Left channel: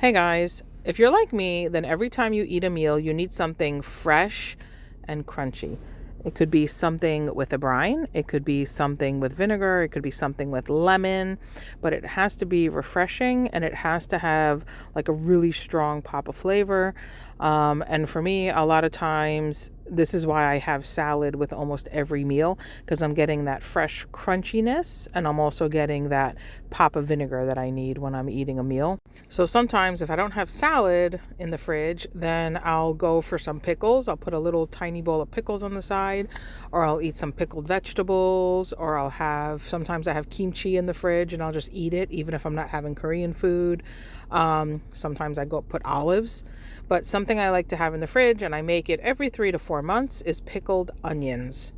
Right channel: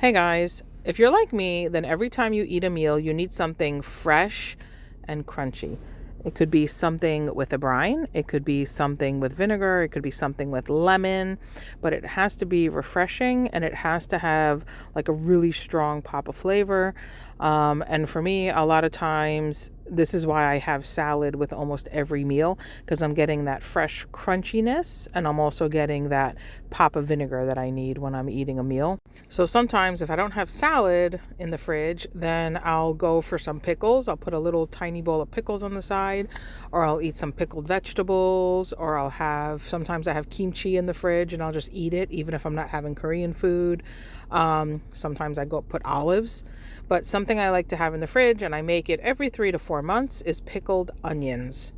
Hey guys, if you're like me, then every time you eat a meal, you need something fresh and crunchy. It could be something with a brine, it could be something with vinegar, it could be something with lemon, but it has to be refreshing and it has to have like a really strong pop of flavor. And for me, a lot of times, this is why I have salad with almost every meal because I'm getting that fresh crunchiness and I'm also getting that pop of vinegar that I need when I'm eating a meal. So sometimes if I don't have salad in the fridge, then I'll go for some pickles. I'll put a little tiny bowl of pickles on the side, or I'll eat some pickled vegetables, or sometimes I have kimchi in the fridge and I'll just eat it even if I'm not having Korean food. Sometimes I go put olives, but something I like to have in the fridge, and I make it every 3 to 4 months, is pickled onions.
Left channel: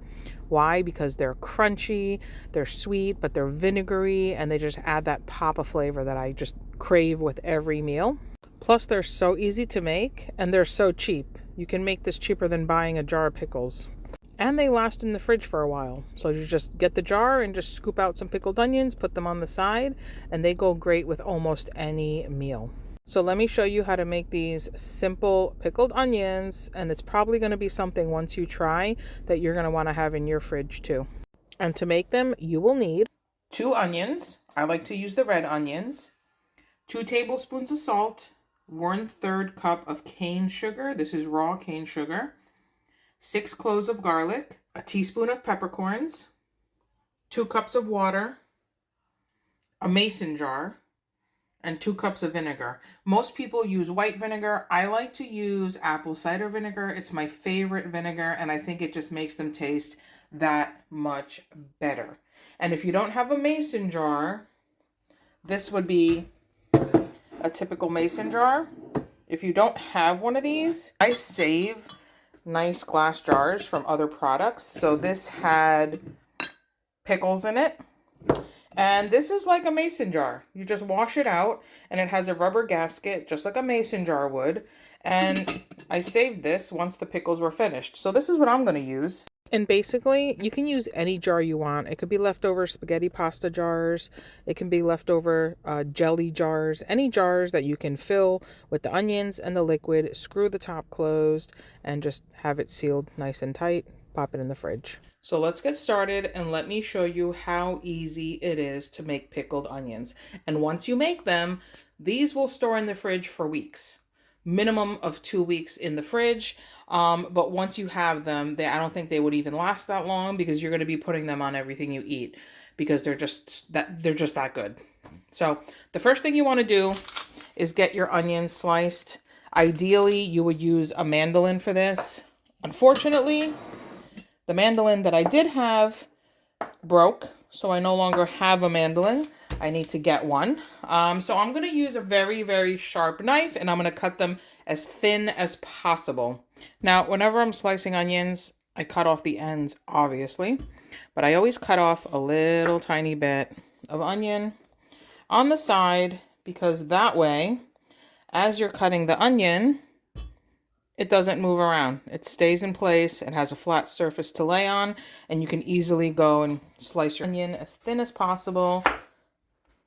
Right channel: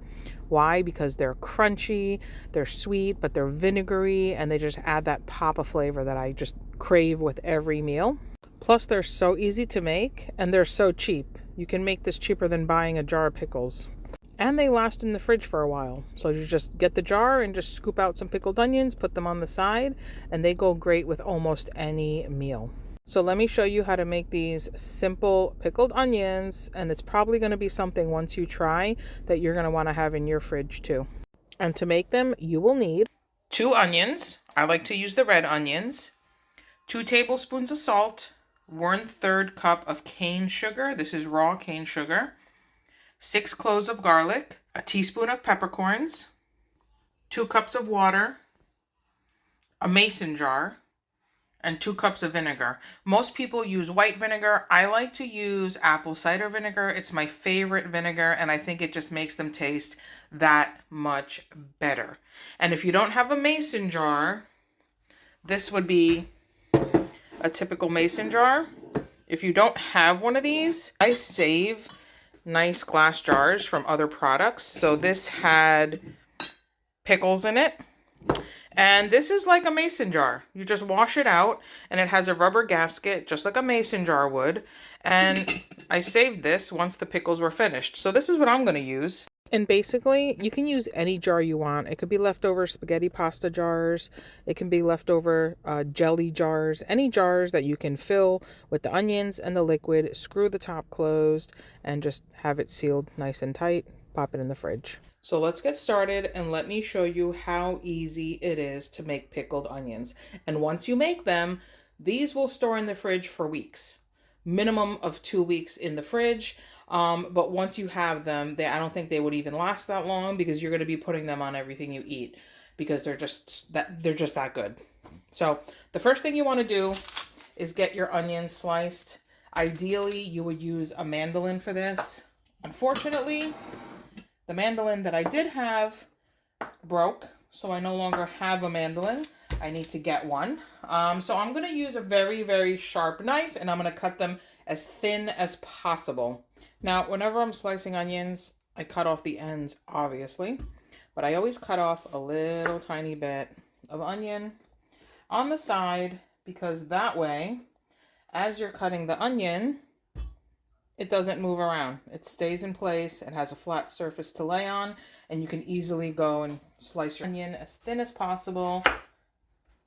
Why? Because they're crunchy, they're sweet, but they're vinegary, and they just add that pop of flavor that I just crave with every meal. Plus, they're so easy to make, and they're so cheap. You can make this cheaper than buying a jar of pickles. And they last in the fridge for a while. So you just get the jar and just scoop out some pickled onions, put them on the side, and they go great with almost any meal. So let me show you how to make these simple pickled onions, and it's probably going to be something once you try that you're going to want to have in your fridge too. And to make them, you will need 2 onions. I like to use the red onions. 2 tablespoons of salt. 1/3 cup of cane sugar. This is raw cane sugar. 6 cloves of garlic. A teaspoon of peppercorns. 2 cups of water. A mason jar. And 2 cups of vinegar. Most people use white vinegar. I like to use apple cider vinegar. It's my favorite vinegar, and I think it just makes them taste that much better. And if you don't have a mason jar, this would be a typical mason jar. If you don't have one of these, I save nice glass jars from other products. So this had pickles in it. And this is like a mason jar. You just wash it out, and it has a rubber gasket, just like a mason jar would. And I saved this once the pickles were finished. So this is what I'm going to use. And basically, you can use any jar you want. It could be leftover spaghetti pasta jars. It can be leftover jelly jars. Any jars that you can fill with the onions and the liquid. Screw the top closed and just have it sealed nice and tight. Pop it in the fridge. So let's get started, and let me show you how easy it is to make pickled onions. And once you make them, these will store in the fridge for weeks. Minimum of 2 weeks in the fridge. But once you have them, I don't think they would even last that long because you're going to be putting them on everything you eat because they're just that good. So the first thing you want to do is get your onions sliced. Ideally, you would use a mandolin for this. Unfortunately, the mandolin that I did have broke, so I no longer have a mandolin. I need to get one. So I'm going to use a very, very sharp knife, and I'm going to cut them as thin as possible. Now, whenever I'm slicing onions, I cut off the ends, obviously, but I always cut off a little tiny bit of onion on the side because that way, as you're cutting the onion, it doesn't move around. It stays in place. It has a flat surface to lay on, and you can easily go and slice your onion as thin as possible.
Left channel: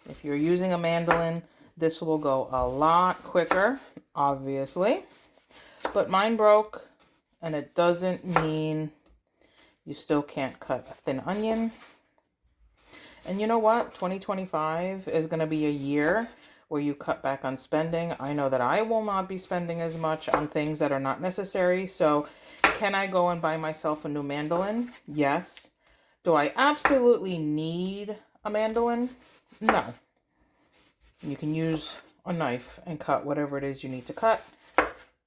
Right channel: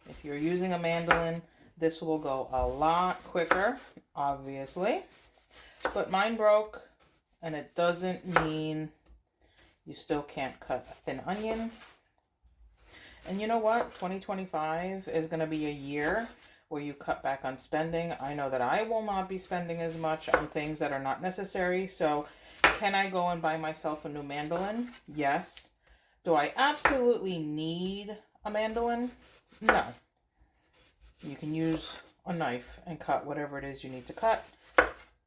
If you're using a mandolin, this will go a lot quicker, obviously. But mine broke, and it doesn't mean you still can't cut a thin onion. And you know what? 2025 is going to be a year where you cut back on spending. I know that I will not be spending as much on things that are not necessary. So can I go and buy myself a new mandolin? Yes. Do I absolutely need a mandolin? No. You can use a knife and cut whatever it is you need to cut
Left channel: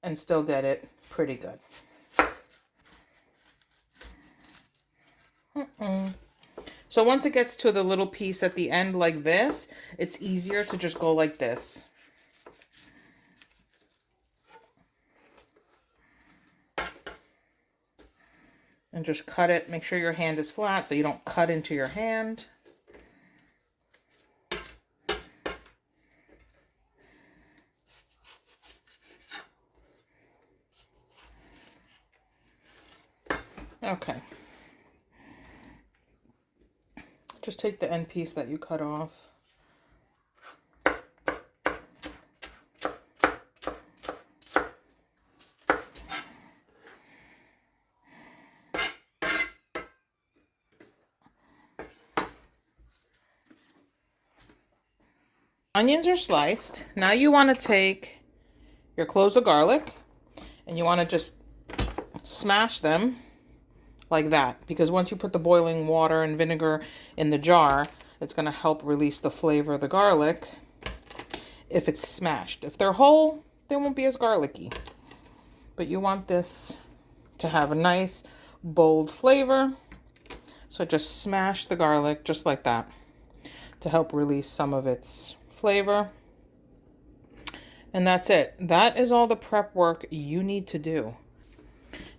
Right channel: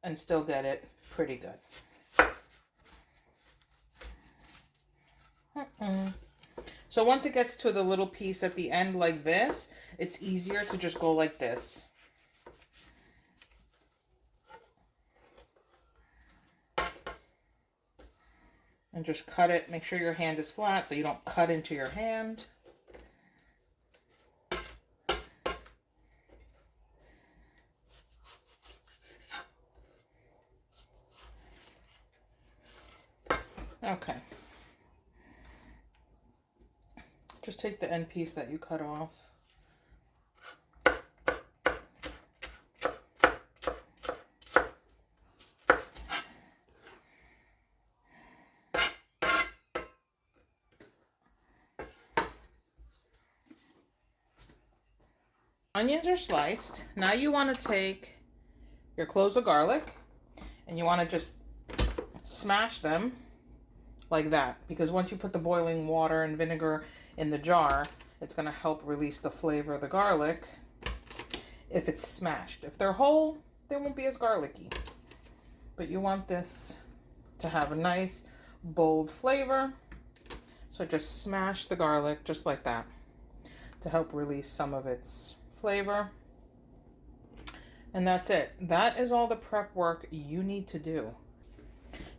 and still get it pretty good. So once it gets to the little piece at the end like this, it's easier to just go like this. And just cut it. Make sure your hand is flat so you don't cut into your hand. Okay. Just take the end piece that you cut off. onions are sliced. Now you want to take your cloves of garlic and you want to just smash them like that, because once you put the boiling water and vinegar in the jar, it's going to help release the flavor of the garlic if it's smashed. If they're whole, they won't be as garlicky. But you want this to have a nice, bold flavor. So just smash the garlic just like that to help release some of its flavor. And that's it. That is all the prep work you need to do.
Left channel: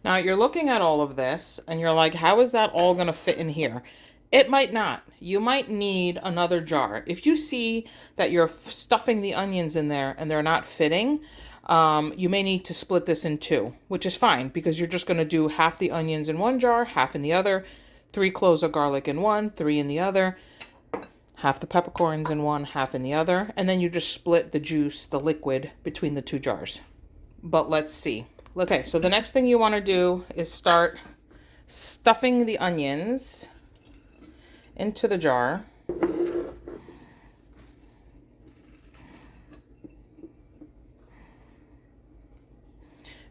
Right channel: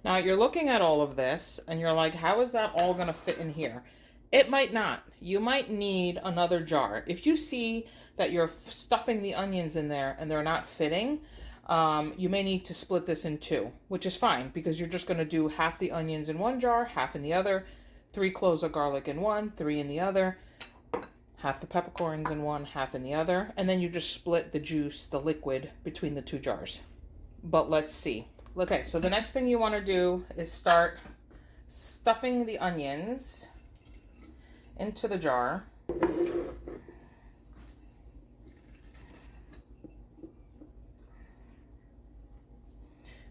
Now you're looking at all of this and you're like, how is that all going to fit in here? It might not. You might need another jar. If you see that you're stuffing the onions in there and they're not fitting, you may need to split this in two, which is fine because you're just going to do half the onions in one jar, half in the other, 3 cloves of garlic in one, 3 in the other, half the peppercorns in one, half in the other, and then you just split the juice, the liquid, between the 2 jars. But let's see. Okay, so the next thing you want to do is start stuffing the onions into the jar.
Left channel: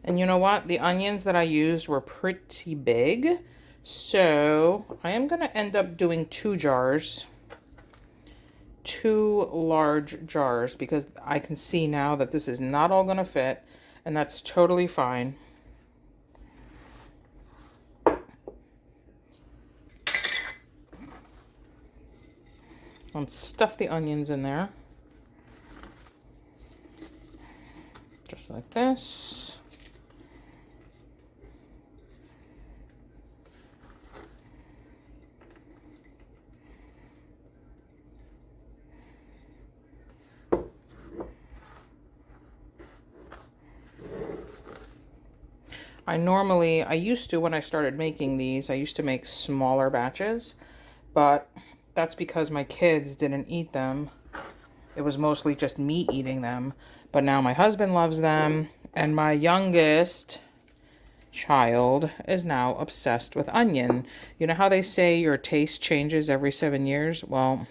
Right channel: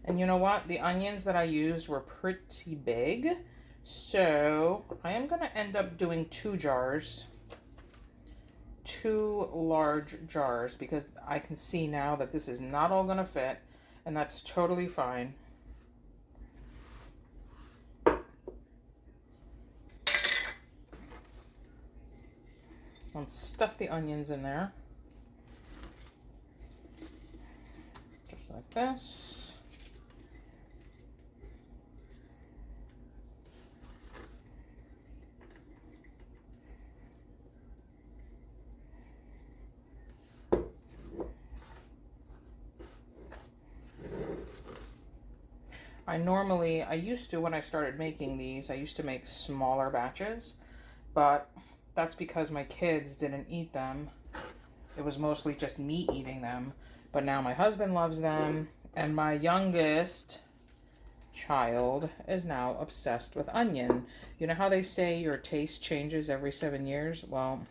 And you know what? The onions that I used were pretty big, so I am going to end up doing 2 jars. 2 large jars, because I can see now that this is not all going to fit, and that's totally fine. And stuff the onions in there. Just like this. I used to, when I started making these, I used to make smaller batches, but that's because my kids didn't eat them. It was mostly just me eating them, but now my husband loves them, and my youngest child is now obsessed with onion. You know how they say your taste changes every 7 years? Well,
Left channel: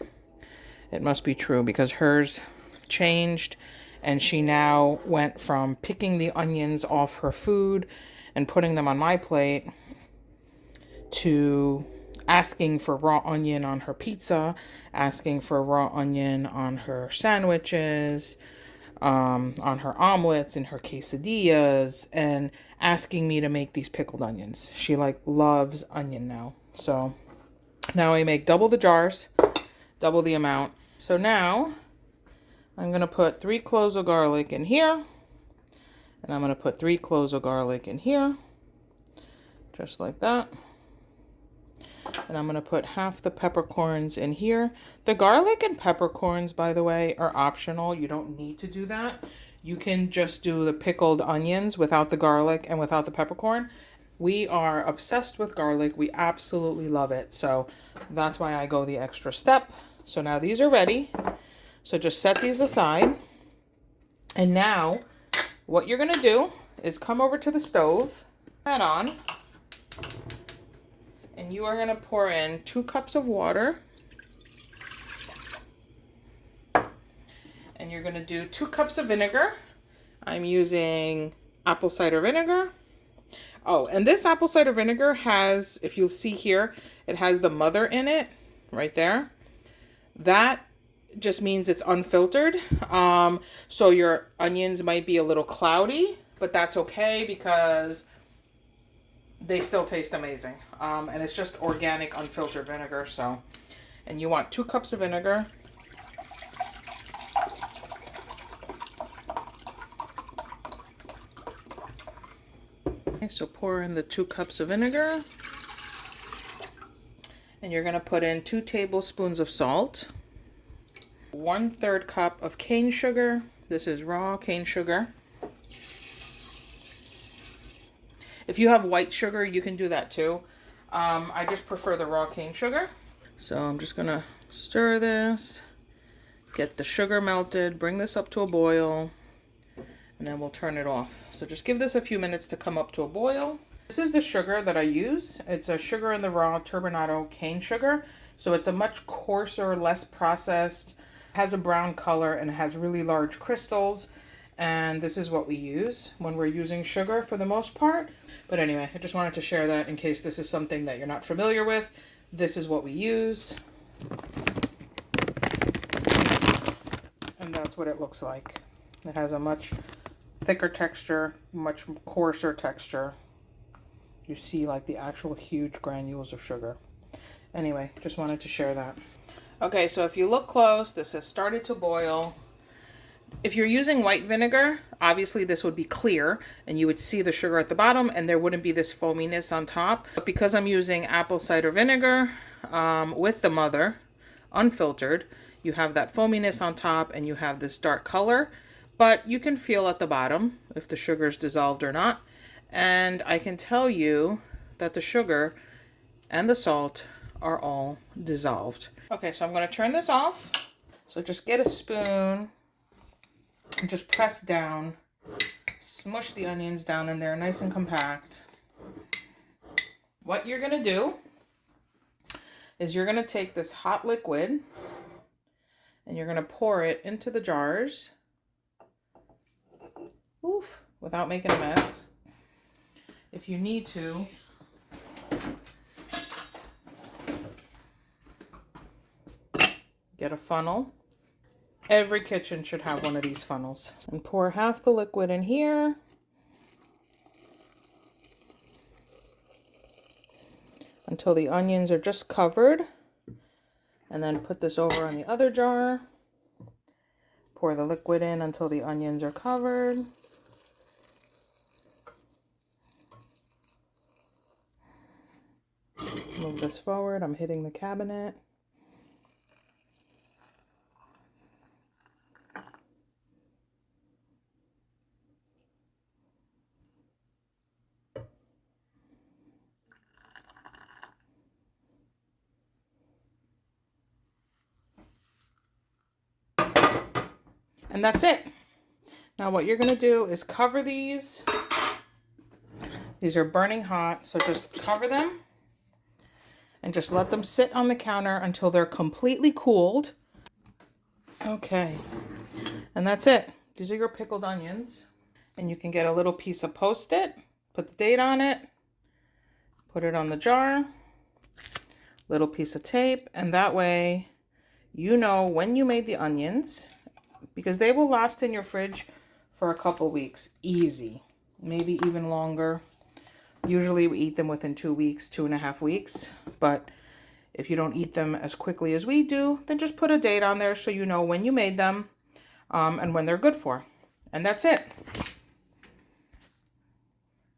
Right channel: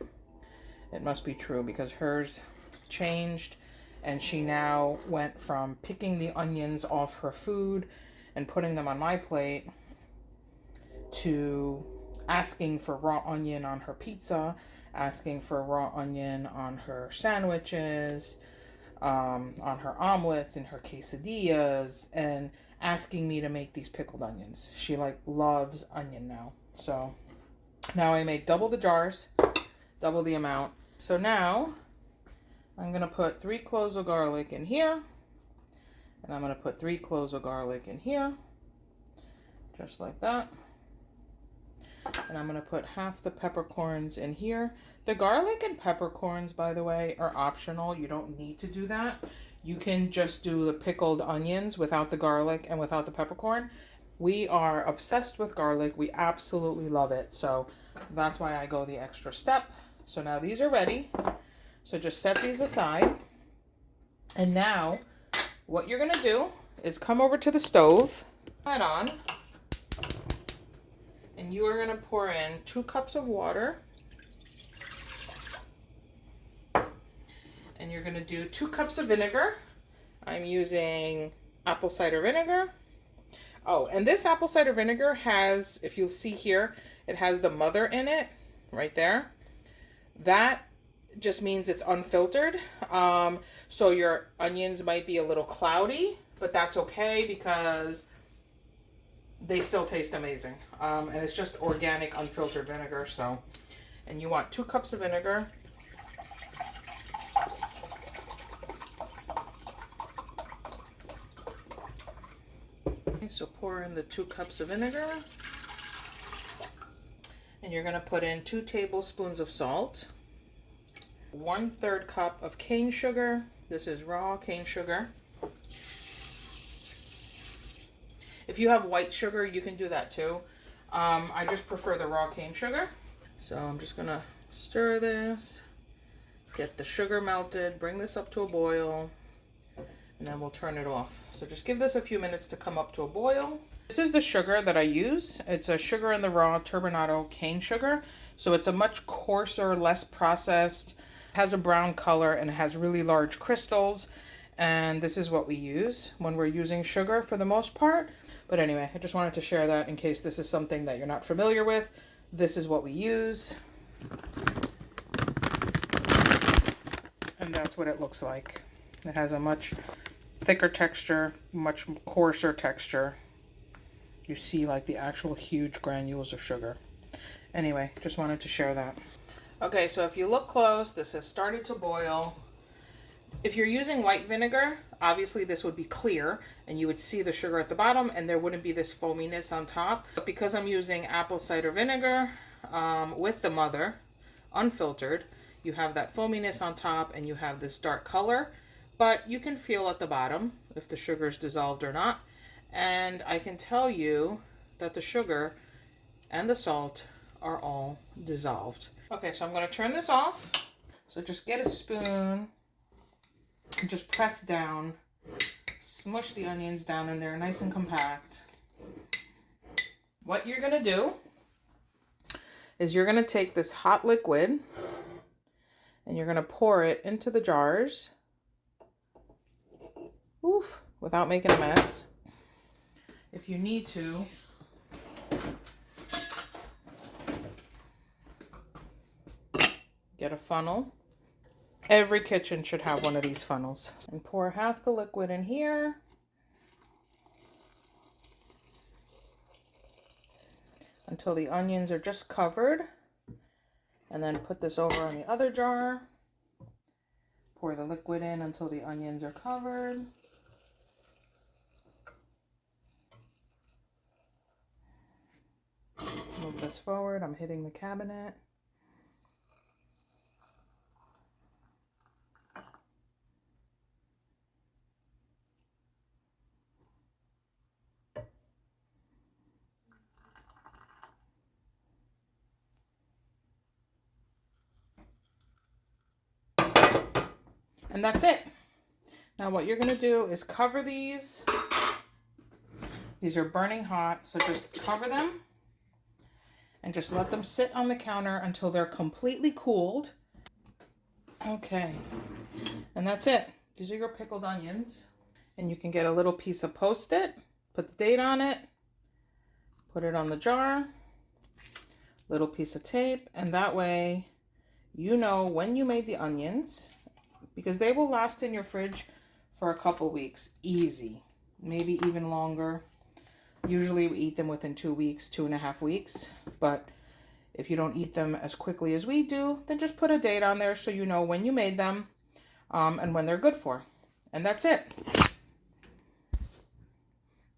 it must be true, because hers changed, and she now went from picking the onions off her food and putting them on my plate to asking for raw onion on her pizza, asking for raw onion on her sandwiches, on her omelets and her quesadillas, and asking me to make these pickled onions. She loves onion now. So now I make double the jars, double the amount. So now I'm going to put 3 cloves of garlic in here. And I'm going to put 3 cloves of garlic in here. Just like that. And I'm going to put half the peppercorns in here. The garlic and peppercorns, by the way, are optional. You don't need to do that. You can just do the pickled onions without the garlic and without the peppercorn. We are obsessed with garlic. We absolutely love it. So that's why I go the extra step. So now these are ready. So just set these aside. And now what you're going to do is come over to the stove, that on, and you are going to pour in 2 cups of water. And you're going to do 2 cups of vinegar. I'm using apple cider vinegar. Oh, and this apple cider vinegar has, if you'll see here, it has the mother in it, right there. That just means it's unfiltered. So your onions might be a little cloudy, but that's okay because they still taste amazing. And it's just organic unfiltered vinegar. So, and you want 2 cups of vinegar. Okay, so pour in the 2 cups of vinegar. And you're going to put in 2 tablespoons of salt. 1/3 cup of cane sugar. This is raw cane sugar. If you have white sugar, you can do that too. I just prefer the raw cane sugar. So I'm just gonna stir this, get the sugar melted, bring this up to a boil, and then we'll turn it off. So just give this a few minutes to come up to a boil. This is the sugar that I use. It's a sugar in the raw turbinado cane sugar. So it's a much coarser, less processed, has a brown color and it has really large crystals. And this is what we use when we're using sugar for the most part. But anyway, I just wanted to share that in case this is something that you're not familiar with. This is what we use. And that's what it looks like. It has a much thicker texture, much coarser texture. You see like the actual huge granules of sugar. Anyway, just wanted to share that. Okay, so if you look close, this has started to boil. If you're using white vinegar, obviously this would be clear and you would see the sugar at the bottom and there wouldn't be this foaminess on top. But because I'm using apple cider vinegar with the mother, unfiltered, you have that foaminess on top and you have this dark color. But you can feel at the bottom if the sugar is dissolved or not. And I can tell you that the sugar and the salt are all dissolved. Okay, so I'm going to turn this off. So just get a spoon and just press down. Smush the onions down in there nice and compact. What you're going to do is you're going to take this hot liquid and you're going to pour it into the jars. Oof, without making a mess. If you need to, get a funnel. Every kitchen should have one of these funnels. And pour half the liquid in here. Until the onions are just covered. And then put this over on the other jar. Pour the liquid in until the onions are covered. Move this forward. I'm hitting the cabinet. And that's it. Now what you're going to do is cover these. These are burning hot, so just cover them and just let them sit on the counter until they're completely cooled. Okay, and that's it. These are your pickled onions. And you can get a little piece of Post-it, put the date on it, put it on the jar, little piece of tape, and that way you know when you made the onions, because they will last in your fridge for a couple weeks, easy, maybe even longer. Usually we eat them within 2 weeks, 2.5 weeks, but if you don't eat them as quickly as we do, then just put a date on there so you know when you made them and when they're good for. And that's it.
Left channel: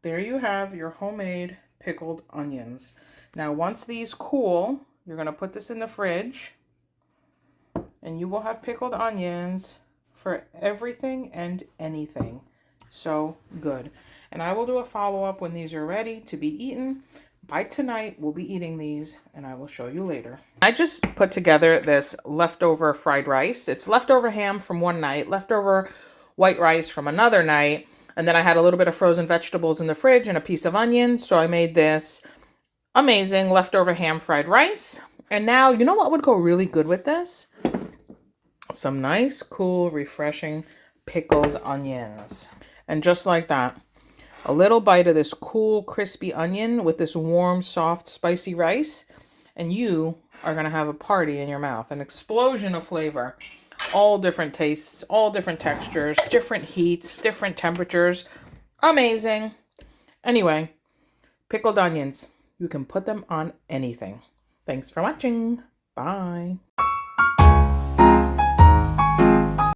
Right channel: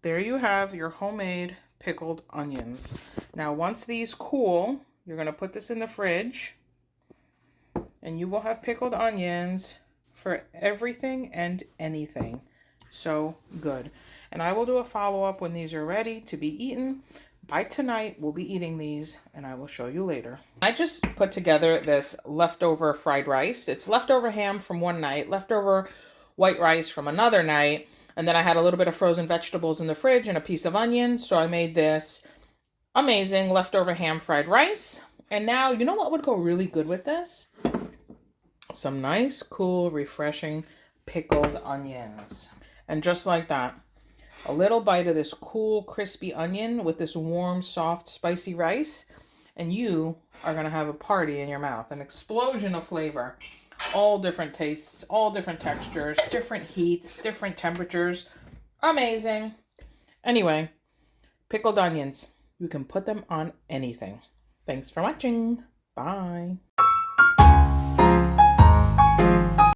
There you have your homemade pickled onions. Now, once these cool, you're going to put this in the fridge and you will have pickled onions for everything and anything. So good. And I will do a follow-up when these are ready to be eaten. By tonight, we'll be eating these and I will show you later. I just put together this leftover fried rice. It's leftover ham from one night, leftover white rice from another night. And then I had a little bit of frozen vegetables in the fridge and a piece of onion. So I made this amazing leftover ham fried rice. And now, you know what would go really good with this? Some nice, cool, refreshing pickled onions. And just like that, a little bite of this cool, crispy onion with this warm, soft, spicy rice. And you are going to have a party in your mouth. An explosion of flavor. All different tastes, all different textures, different heats, different temperatures. Amazing. Anyway, pickled onions. You can put them on anything. Thanks for watching. Bye.